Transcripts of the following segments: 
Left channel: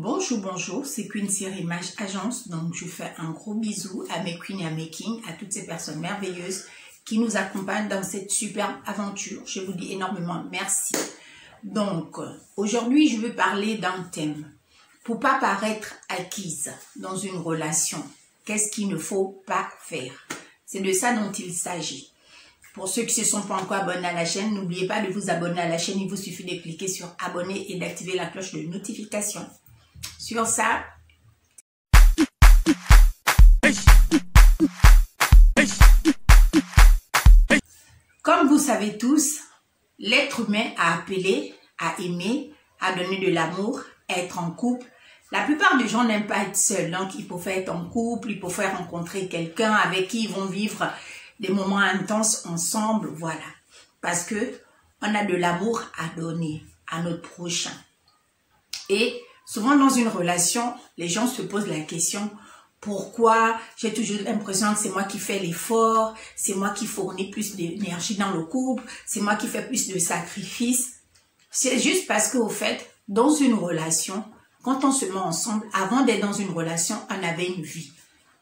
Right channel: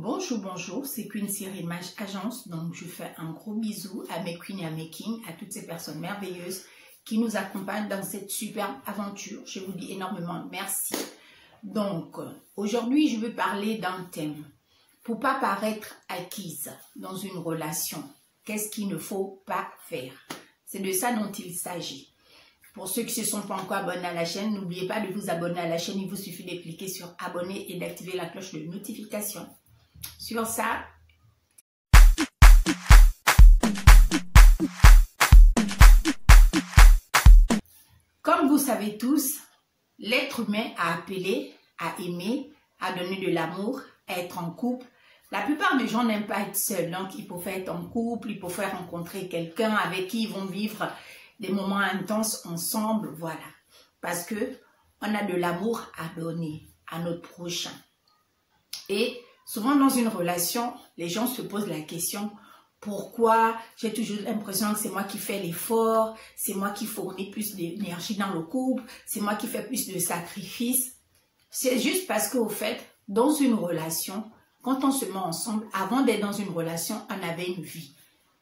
Bonjour, c'est Queen Série Image Agence. Donc, je fais un gros bisou à mes queens et à mes kings, à toutes ces personnes merveilleuses qui nous accompagnent dans cette superbe aventure. Je vous dis énormément merci. Donc, aujourd'hui, je veux parler d'un thème. Pour pas paraître acquise dans une relation, qu'est-ce qu'il ne faut pas faire? C'est de ça dont il s'agit. Pour ceux qui ne se sont pas encore abonnés à la chaîne, n'oubliez pas de vous abonner à la chaîne. Il vous suffit de cliquer sur abonner et d'activer la cloche de notification. Sur ça, comme vous savez tous, l'être humain a appelé, à aimer, à donner de l'amour, à être en couple. La plupart des gens n'aiment pas être seuls, donc il faut faire être en couple, il faut faire rencontrer quelqu'un avec qui ils vont vivre des moments intenses ensemble, voilà. Parce que on a de l'amour à donner à notre prochain. Et souvent dans une relation, les gens se posent la question, pourquoi j'ai toujours l'impression que c'est moi qui fais l'effort, c'est moi qui fournis plus d'énergie dans le couple, c'est moi qui fais plus de sacrifices. C'est juste parce qu'au fait, dans une relation, quand on se met ensemble, avant d'être dans une relation, on avait une vie.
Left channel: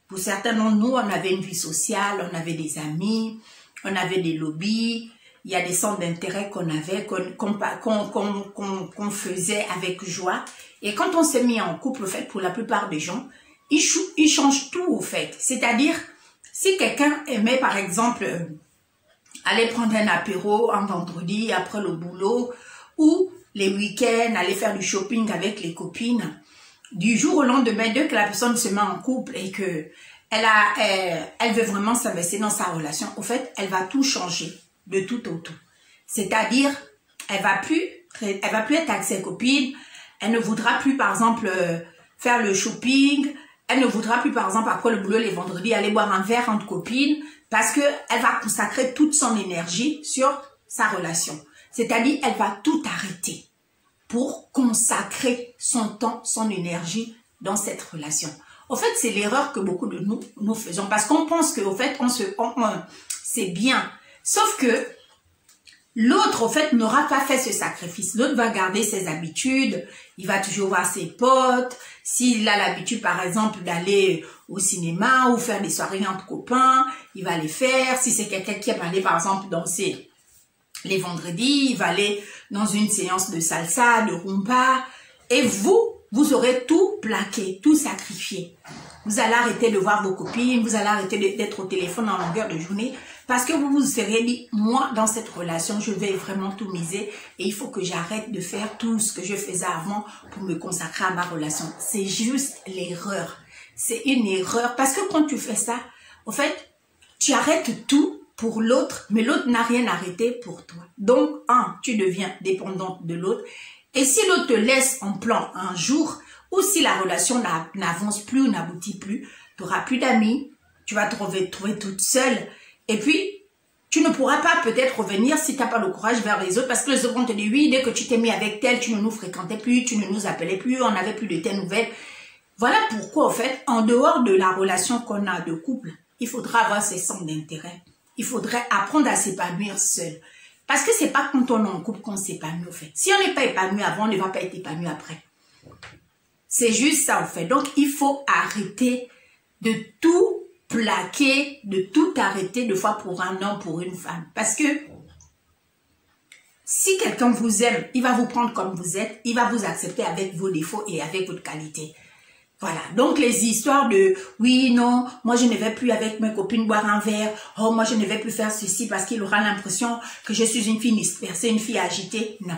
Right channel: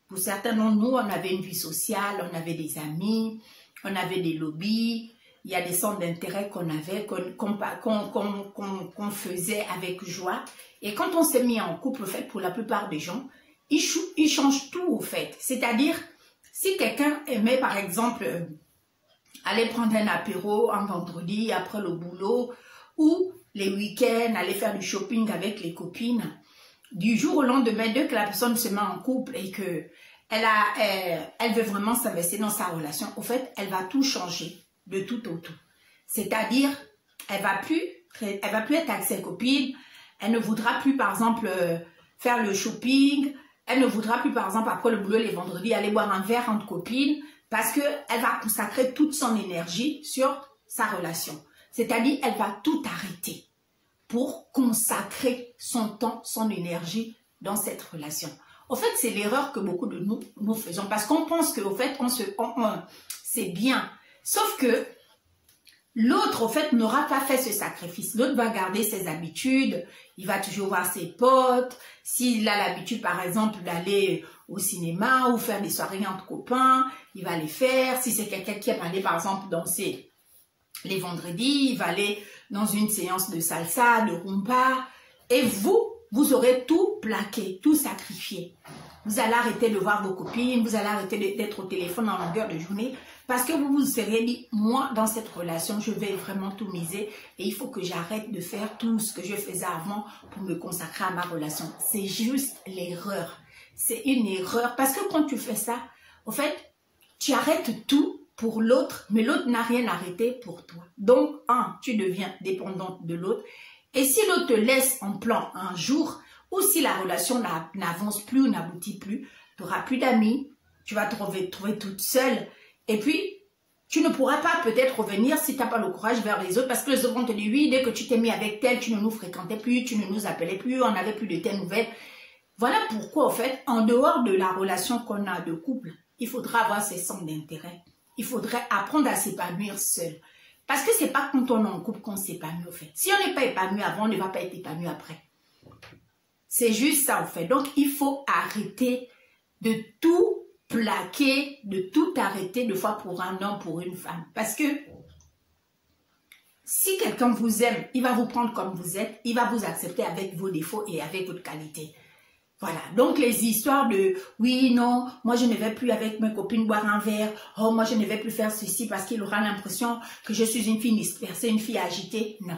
Pour certains d'entre nous, on avait une vie sociale, on avait des amis, on avait des lobbies, il y a des centres d'intérêt qu'on avait, qu'on faisait avec joie. Et quand on s'est mis en couple, au fait, pour la plupart des gens, ils changent tout, au fait. C'est-à-dire, si quelqu'un aimait, par exemple, aller prendre un apéro un vendredi après le boulot, ou les week-ends, aller faire du shopping avec les copines, du jour au lendemain, dès que la personne se met en couple et que elle veut vraiment s'investir dans sa relation, au fait, elle va tout changer de tout au tout. C'est-à-dire, elle va plus être avec ses copines, elle ne voudra plus, par exemple, faire le shopping, elle ne voudra plus, par exemple, après le boulot, les vendredis, aller boire un verre entre copines, parce qu'elle va consacrer toute son énergie sur sa relation. C'est-à-dire, elle va tout arrêter pour consacrer son temps, son énergie dans cette relation. Au fait, c'est l'erreur que beaucoup de nous faisons, parce qu'on pense qu'au fait, c'est bien. Sauf que l'autre, au fait, n'aura pas fait ce sacrifice. L'autre va garder ses habitudes, il va toujours voir ses potes. S'il a l'habitude, par exemple, d'aller au cinéma ou faire des soirées entre copains, il va les faire. Si c'est quelqu'un qui aime aller, par exemple, danser les vendredis, il va aller dans une séance de salsa, de rumba. Et vous aurez tout plaqué, tout sacrifié. Vous allez arrêter de voir vos copines, vous allez arrêter d'être au téléphone en longueur de journée. Parce que vous vous serez dit, moi, dans cette relation, je vais vraiment tout miser. Et il faut que j'arrête de faire tout ce que je faisais avant pour me consacrer à ma relation. C'est juste l'erreur. C'est une erreur. Parce que quand tu fais ça, au fait, tu arrêtes tout pour l'autre, mais l'autre n'a rien arrêté pour toi. Donc, tu deviens dépendante de l'autre. Et si l'autre te laisse en plan un jour, ou si la relation n'avance plus ou n'aboutit plus, tu n'auras plus d'amis, tu vas te trouver toute seule. Et puis, tu ne pourras pas peut-être revenir si tu n'as pas le courage vers les autres, parce que les autres vont te dire, oui, dès que tu t'es mis avec tel, tu ne nous fréquentais plus, tu ne nous appelais plus, on n'avait plus de tes nouvelles. Voilà pourquoi, en fait, en dehors de la relation qu'on a de couple, il faudra avoir ses centres d'intérêt. Il faudrait apprendre à s'épanouir seul. Parce que c'est pas quand on est en couple qu'on s'épanouit, en fait. Si on n'est pas épanoui avant, on ne va pas être épanoui après. C'est juste ça, en fait. Donc, il faut arrêter de tout plaquer, de tout arrêter de fois pour un homme, pour une femme. Parce que si quelqu'un vous aime, il va vous prendre comme vous êtes, il va vous accepter avec vos défauts et avec votre qualité. Voilà, donc les histoires de « oui, non, moi je ne vais plus avec mes copines boire un verre, oh moi je ne vais plus faire ceci parce qu'il aura l'impression que je suis une fille dispersée, une fille agitée ». Non.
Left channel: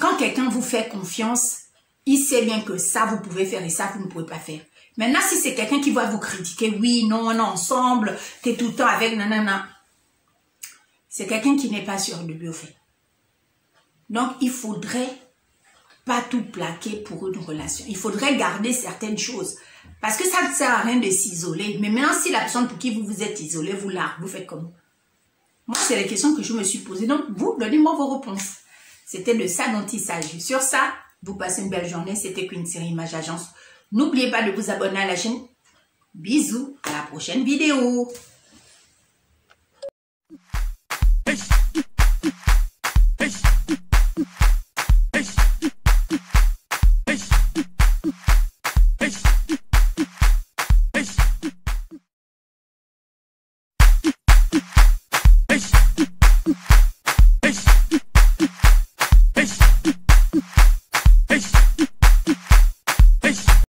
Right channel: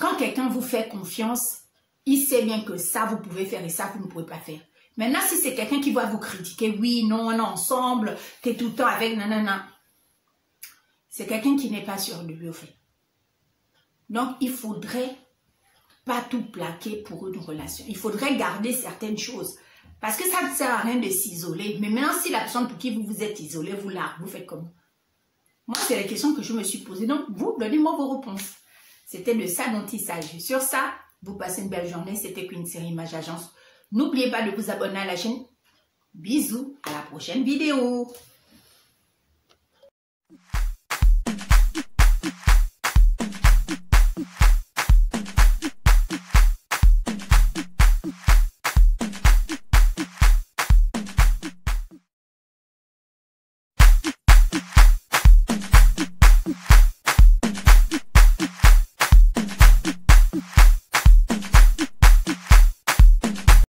Quand quelqu'un vous fait confiance, il sait bien que ça vous pouvez faire et ça vous ne pouvez pas faire. Maintenant, si c'est quelqu'un qui va vous critiquer, « oui, non, on est ensemble, tu es tout le temps avec nanana », c'est quelqu'un qui n'est pas sûr de lui au fait. Donc, il faudrait pas tout plaquer pour une relation. Il faudrait garder certaines choses. Parce que ça ne sert à rien de s'isoler. Mais maintenant, si la personne pour qui vous êtes isolé, vous faites comment? Moi, c'est la question que je me suis posée. Donc, vous, donnez-moi vos réponses. C'était de ça dont il s'agit. Sur ça, vous passez une belle journée. C'était Queen Série Image Agence. N'oubliez pas de vous abonner à la chaîne. Bisous. À la prochaine vidéo.